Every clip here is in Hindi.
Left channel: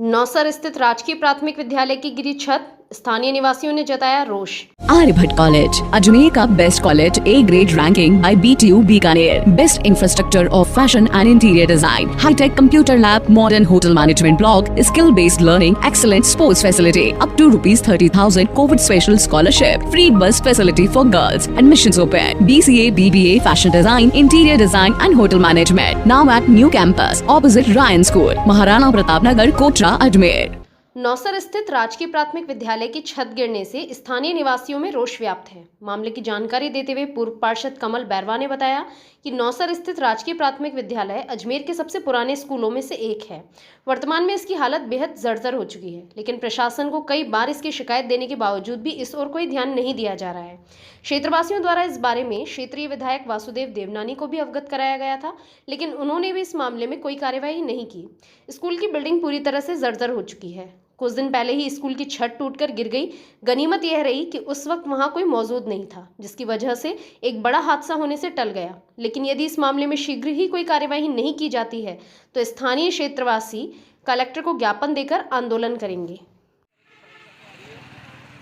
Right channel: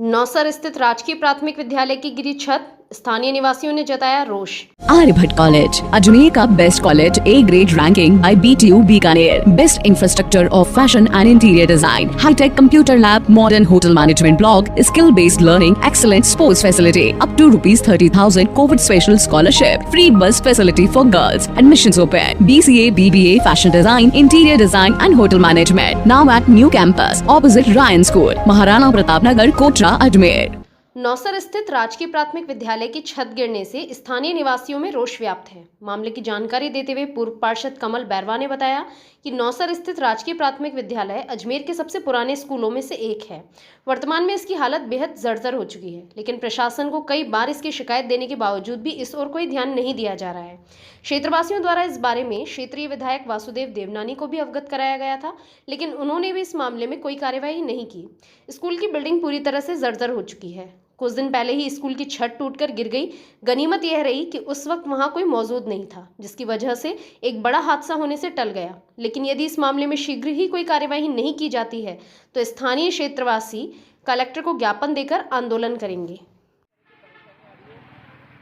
नौसर स्थित राजकीय प्राथमिक विद्यालय की गिरी छत, स्थानीय निवासियों ने जताया रोष। आर्यभट्ट कॉलेज, अजमेर का best college, A grade ranking by BTU Bikaner, best infrastructure of fashion and interior design, high tech computer lab, modern hotel management block, skill based learning, excellent sports facility, up to ₹30,000 covid special scholarship, free bus facility for girls, admissions open, BCA, BBA, fashion design, interior design and hotel management, now at new campus opposite Ryan school, Maharana Pratap Nagar, Kotra, Ajmer. Nausar स्थित राजकीय प्राथमिक विद्यालय की छत गिरने से स्थानीय निवासियों में रोष व्याप्त है। मामले की जानकारी देते हुए पूर्व पार्षद कमल बैरवा ने बताया कि नौसर स्थित राजकीय प्राथमिक विद्यालय अजमेर के सबसे पुराने स्कूलों में से एक है। वर्तमान में इसकी हालत बेहद जर्जर हो चुकी है, लेकिन प्रशासन को कई बार इसकी शिकायत देने के बावजूद भी इस ओर कोई ध्यान नहीं दिया जा रहा है। क्षेत्रवासियों द्वारा इस बारे में क्षेत्रीय विधायक वासुदेव देवनानी को भी अवगत कराया गया था, लेकिन उन्होंने भी इस मामले में कोई कार्यवाही नहीं की। स्कूल की बिल्डिंग पूरी तरह से जर्जर हो चुकी है। कुछ दिन पहले ही स्कूल की छत टूटकर गिर गई। गनीमत यह रही कि उस वक्त वहां कोई मौजूद नहीं था, जिसकी वजह से एक बड़ा हादसा होने से टल गया। लेकिन यदि इस मामले में शीघ्र ही कोई कार्यवाही नहीं की जाती है तो स्थानीय क्षेत्रवासी कलेक्टर को ज्ञापन देकर आंदोलन करेंगे।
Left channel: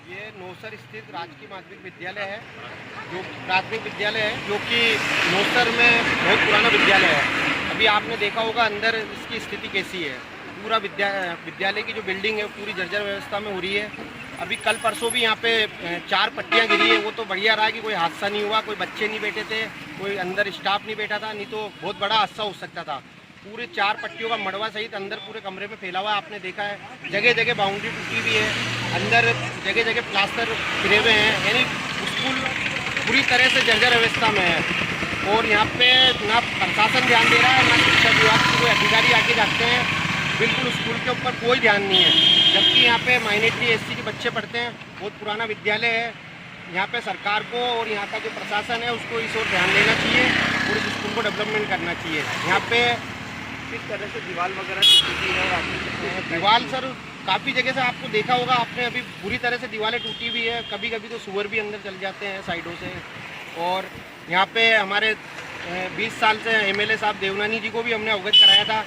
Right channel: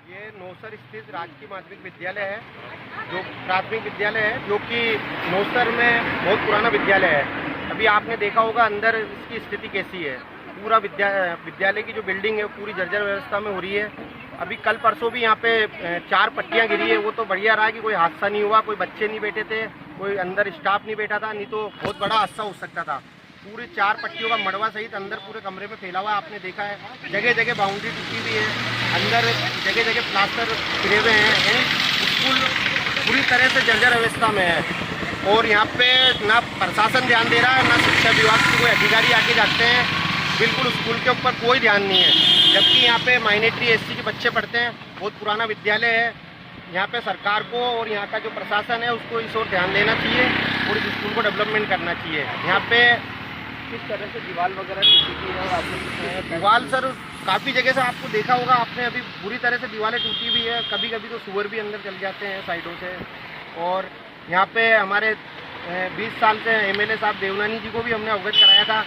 ये नौसर स्थित राजकीय माध्यमिक विद्यालय है, जो प्राथमिक विद्यालय है, जो कि नौसर में बहुत पुराना विद्यालय है। अभी आपने देखा होगा अंदर इसकी स्थिति कैसी है। पूरा विद्यालय की जो बिल्डिंग है पूरी जर्जर व्यवस्था में हो रही है। अभी कल परसों भी यहाँ पे 4 पट्टियाँ गिरी है। वो तो बढ़िया रहा कि कोई हादसा नहीं हुआ, कोई बच्चे नहीं बैठे थे, कोई अंदर स्टाफ नहीं बैठा था, नहीं तो बहुत बड़ा हादसा हो सकता था। पूरे 4 पट्टियों का मड़वा सहित अंदर पूरे कमरे में फैला हुआ आपने देखा है। जगह जगह बाउंड्री टूटी हुई है, अंदर जगह जगह प्लास्टर गिरे हुए हैं। यानी स्कूल पूरी तरह से जर्जर अवस्था में है और यहाँ पे ना प्रशासन ध्यान दे रहा है, ना शिक्षा विभाग के कोई अधिकारी आके जाते हैं। बिल्कुल स्कूल के ऊपर कोई ध्यान नहीं है, जबकि यहाँ पे माइनॉरिटी SC के बच्चे पढ़ते हैं। बहुत पुराना विद्यालय है। यहाँ पे सरकार को और यहाँ का जो प्रशासन है उसको इस ओर ध्यान देना चाहिए और इस स्कूल को डेवलपमेंट करना चाहिए। यहाँ पे किस तरह से दीवार वगैरह टूटी है, दीवार सर काफ़ी जगह से आपको देखा होगा आपने, अभी बुरी तरह से दीवारें टूटी हुई है। कभी कभी तो सुअर भी अंदर चल जाते हैं साइडों से। और यहाँ पे हमारे 20 साल से MLA साहब देवनानी जी को भी हमने अवगत कराया था।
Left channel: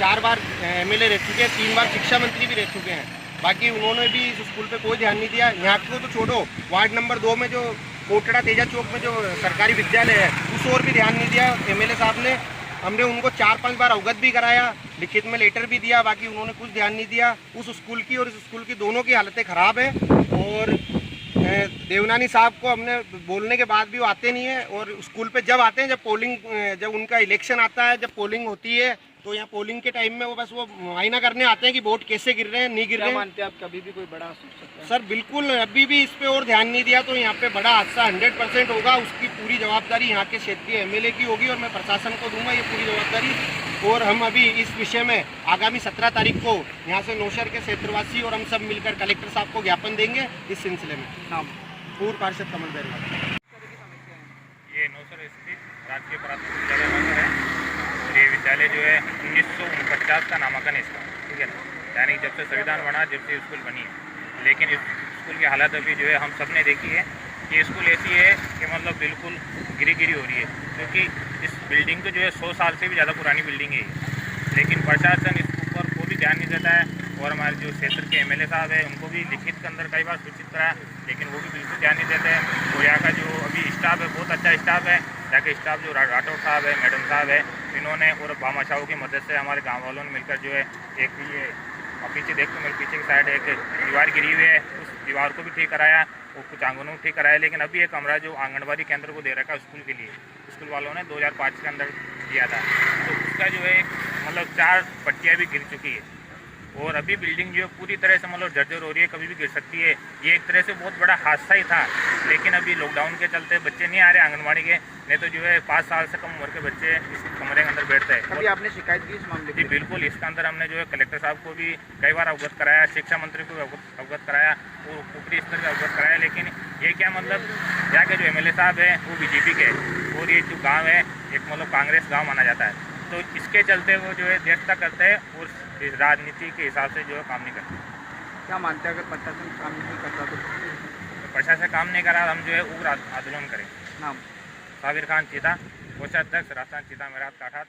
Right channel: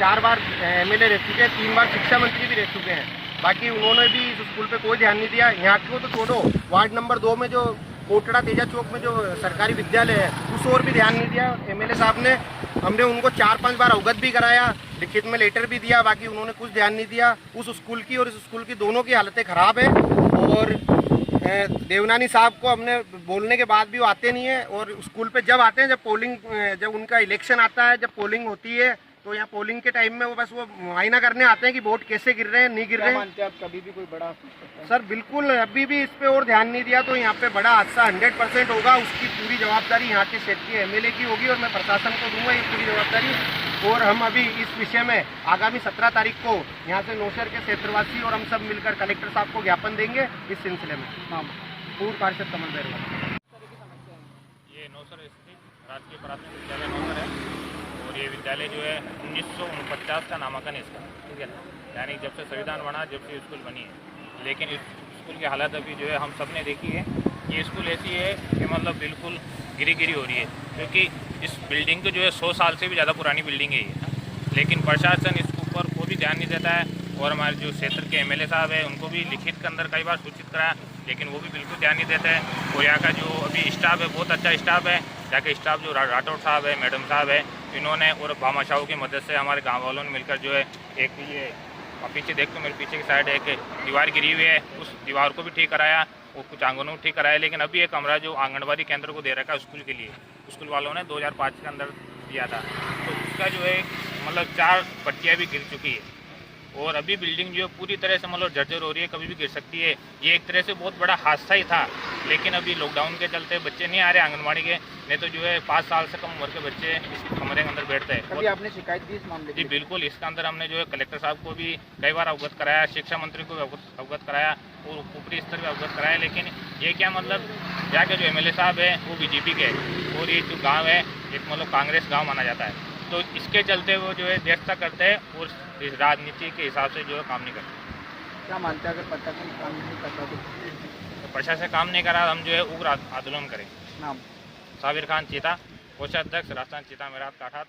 4 बार MLA रह चुके हैं, 3 बार शिक्षा मंत्री भी रह चुके हैं। बाकी उन्होंने भी इस स्कूल पे कोई ध्यान नहीं दिया। यहाँ को तो छोड़ो, वार्ड नंबर 2 में जो कोटड़ा तेजा चौक में जो सरकारी विद्यालय है उस ओर भी ध्यान नहीं दिया MLA साहब ने। हमने उनको 4-5 बार अवगत भी कराया, लिखित में लेटर भी दिया, बाकी उन्होंने कुछ ध्यान नहीं दिया। उस स्कूल की और इस स्कूल की दोनों की हालतें ख़राब है और देवनानी साहब को हमने बोलने के बाद भी वो आते नहीं है। और स्कूल पे जब आते हैं, जब उनका इलेक्शन आता है, जब पोलिंग होती है, तो यहाँ पोलिंग के टाइम में वो बस वो मुआयना करने आते हैं कि वोट कैसे गिर रहे हैं, नहीं गिर रहे हैं। मानते हैं आप कभी भी कोई बड़ा हादसा? सर बिल्कुल, अभी भी इस पे और ध्यान नहीं दिया तो यहाँ पे बड़ा हादसा 100% होगा। उसकी पूरी जवाबदारी यहाँ के क्षेत्रीय MLA की होगी और मैं प्रशासन को दूंगा ये पूरी जवाबदारी। और हम अभी इस विषय में आगामी 17 तारीख को यहाँ से नौशहर के क्षेत्रवासी और हम सब मिलकर कलेक्टर साहब को ज्ञापन देंगे इस सिलसिले में। पूर्व पार्षद कमल बैरवा। ये नौसर स्थित राजकीय प्राथमिक विद्यालय नौसर है और ये विद्यालय जो है 1949 का नामांकन है इसका, ठीक है ना। यानी जब से संविधान बना, जब से स्कूल बनी है। लेकिन इस स्कूल की हालत अभी जो है हम सब ने देखी है। ये स्कूल ऐसी है कि मतलब बिल्कुल गिरी हो रही है, क्योंकि इस बिल्डिंग को जो है 100 साल से भी ज़्यादा पुरानी बिल्डिंग है। लेकिन प्रशासन इसके ऊपर कोई भी ध्यान नहीं देता है। और हमारे जो क्षेत्र के MLA साहब है उनको भी लिखित के अंदर कई बार सूचित कराया, लेकिन वो भी बिल्कुल ध्यान नहीं देते हैं। और यहाँ का जो अभी स्टाफ है बहुत अच्छा स्टाफ है। यहाँ के स्टाफ जो राठौर साहब है, मैडम साहब है, इन्होंने और भामाशाहों की मदद से हमारे गाँव वालों ने मिलकर जो है एक ये पीछे देख तो मेरे पीछे की साइड एक दीवार गिरी हुई है, उस दीवार को भी ठीक कराया और कुछ आंगनों को ठीक कराया। लेकिन अभी एक कमरा जो आंगनबाड़ी केंद्र को दे रखा है स्कूल के लिए, स्कूल वालों ने 2005 के अंदर दिया था, तो उसका जो है मतलब 4 पट्टियाँ भी गिर चुकी है। और अभी बिल्डिंग जो है पूरी तरह से मतलब जर्जर हो रही है, कभी भी गिर सकती है। ये एक तरह से बहुत बड़ा हादसा ही था। लेकिन अभी लॉकडाउन के चलते बच्चे नहीं आ रहे आंगनबाड़ी के, नहीं तो जो है 5 साल से कम उम्र के बच्चे इस कमरे के अंदर बैठते हैं। अभी आपने शिकायत की इस मामले जी बिल्कुल, इसके अंदर हमने जो है कलेक्टर साहब को भी कई बार अवगत कराया, शिक्षा मंत्री को अवगत कराया और ऊपरी स्तर पर अवगत कराया। लेकिन ये क्या मतलब यहाँ के जो MLA साहब है वो BJP के और ये जो गाँव है एक मतलब कांग्रेस गाँव माना जाता है, तो इसके चलते वो जो है देखता करते हैं और इस राजनीति के हिसाब से जो है काम नहीं करते। क्या मानते हैं अगर प्रशासन काम नहीं करता तो प्रशासन काम नहीं करा हम जो है उग्र आंदोलन करें। नाम साबिर खान चीता, कोषाध्यक्ष राजस्थान चीता मेरा काठात,